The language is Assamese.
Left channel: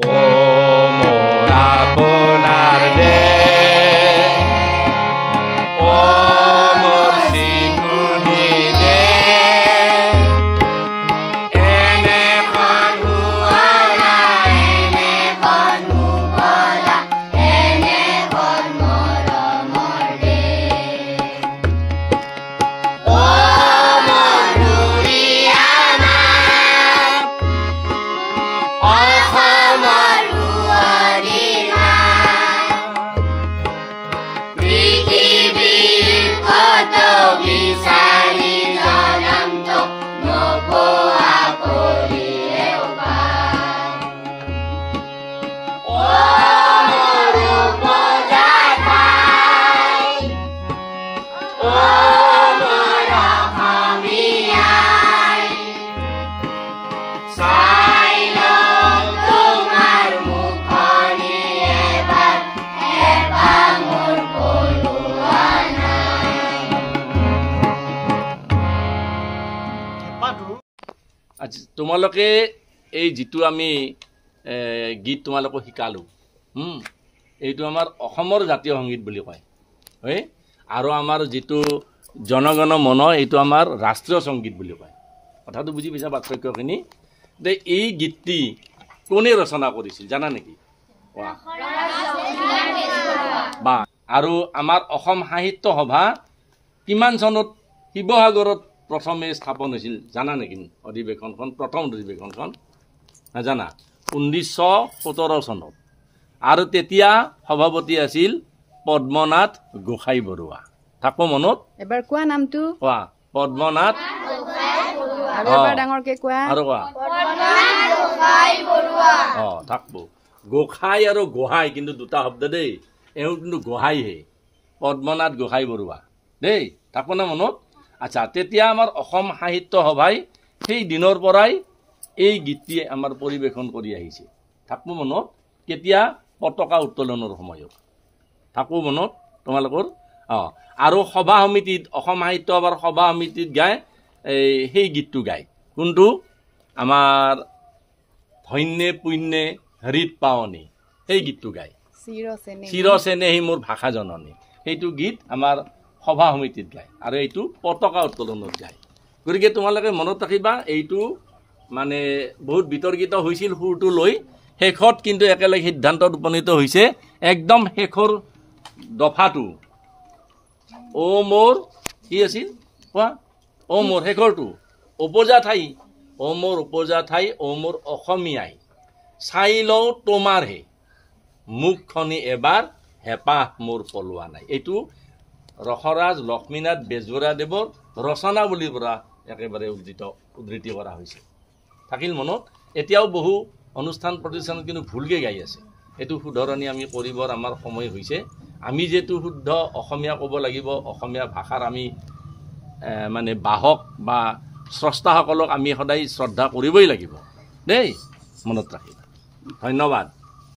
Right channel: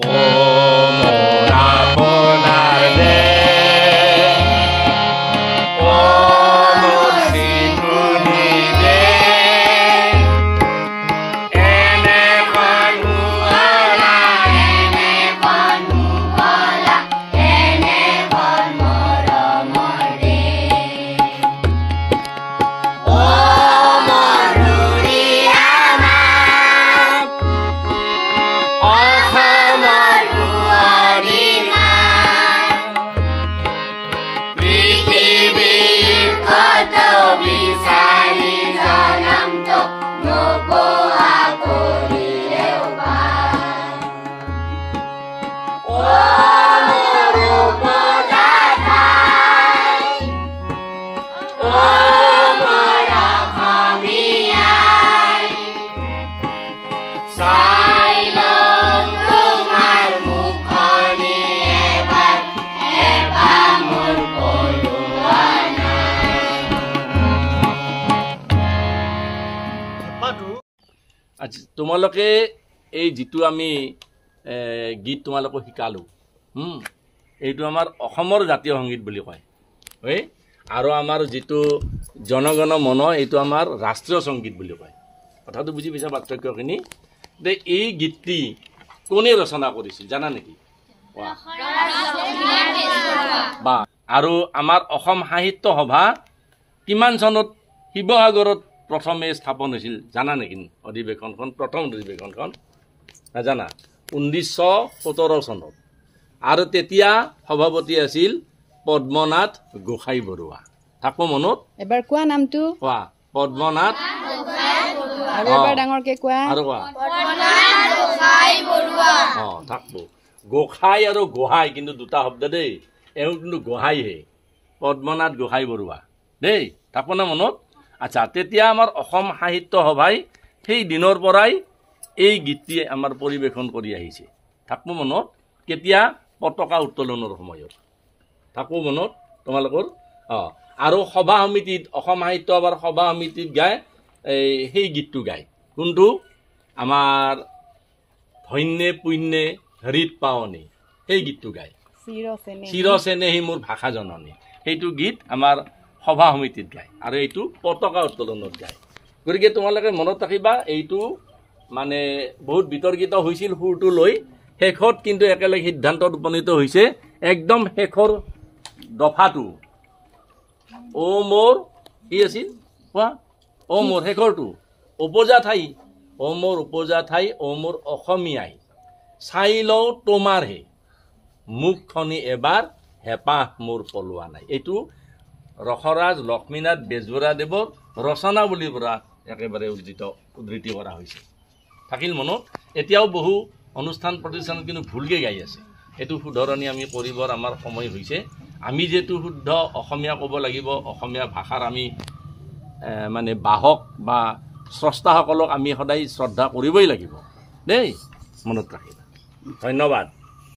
মোৰ আপোনাৰ দেশ মোৰ চিকুনি দেশ এনে বন্ধুবলা এনে বন্ধুবলা এনে মৰমৰ দেশ তোমালোকে এই যেটো আমি গীত তোমালোকক শিকালো এইটো আমাৰ অসমৰ জাতীয় সংগীত বুলি কয় হয় আৰু আমাৰ যেটো জনগণ মন এইটো আমাৰ ৰাষ্ট্ৰীয় সংগীত বুলি কয় কথাটো বুজি পাইছা পাৰ্থক্যখিনি যে এই গীতটি কোনে ৰচনা কৰিছিল জানা নেকি বা আৰু আমাৰ অসম সাহিত্য সভা কিমান চনত শিৱসাগৰত প্ৰথমে স্থাপন হৈছিল জানা নেকি অধিৱেশনখন প্ৰথম অধিৱেশনখন নাজানা 1917 চনত আৰু তেতিয়া সভাপতি আছিল পদ্মনাথ গোহাঁই বৰুৱা থাকো মনত এবাৰ কোৱা নামটো কোৱা পদ্মনাথ গোহাঁই বৰুৱা আৰু এবাৰ ডাঙৰকে কোৱা আৰু কোৱা পদ্মনাথ গোহাঁই বৰুৱা থাকবো গোহাঁই আৰু গোহাঁই কিন্তু দুটা শব্দ দেই এওঁ কিন্তু গোহাঁই হে পদ্মনাথ গোহাঁই বৰুৱা দেই থাকো না মনত আচ্ছা তেতিয়া আমাৰ অসম সাহিত্য সভাই সেই দিনৰ পৰাই এই গীতটি আমাৰ পৰিবেশন কৰি আহিছে থাকবো মনত কেতিয়া পতাকা উত্তোলনৰ সময়ত থাকো মনত তোমালোকৰ আৰু সভা সমিতিত অসম সাহিত্য সভাৰ সভা সমিতিত গায় সেই গীতটো গায় কোনটো আমাৰ ধন্যে পুণ্যে হৃদ পাৱনী সেই গীতটো গায় চিৰচেনে সেই মোৰ ভাষা জননী সেইটো গীত আমাৰ সভা সমিতিত গায় আৰু এইটো পতাকা উত্তোলনত গায় গতিকে তোমালোকে মনত ৰাখিবা এইটো মানে বহুত বিতৰ্কিত হৈছিল সুৰটো লৈ শেষত কিন্তু একেলগে সিদ্ধান্তত উপনীত হৈছে একদম শেষৰ দফাটো ও মোৰ কি আছিল কোৱা ও মোৰ শেষৰটো উপজা ঠাই ও মোৰ উপজা ঠাই ও মোৰ অসমীয়াই চাই লওঁ তোমাৰহে মুখখনি এবাৰ হেঁপাহ মোৰ পলোৱা নাই এইটো ৰসৰাজ লক্ষ্মীনাথ বেজবৰুৱাদেৱৰ ৰচনাৱলীৰ পৰা একেবাৰে উদ্ধৃতি কৰা হৈছে থাকিল মনত এতিয়াও বহু অনুষ্ঠান প্ৰতিষ্ঠানত কিন্তু ভুলকে গাই আছে এইটো শুধৰণি আমি কৰিবৰ আমাৰ সময় হৈছে আমি যেটো শুদ্ধ অসমীয়া ক'ব লাগিব অসমীয়া ভাষাৰ আমি মানে বাহক বা স্ৰষ্টাসকলক আমি সদায় শ্ৰদ্ধা কৰিবই লাগিব দেই মনত ৰাখিবা ধন্যবাদ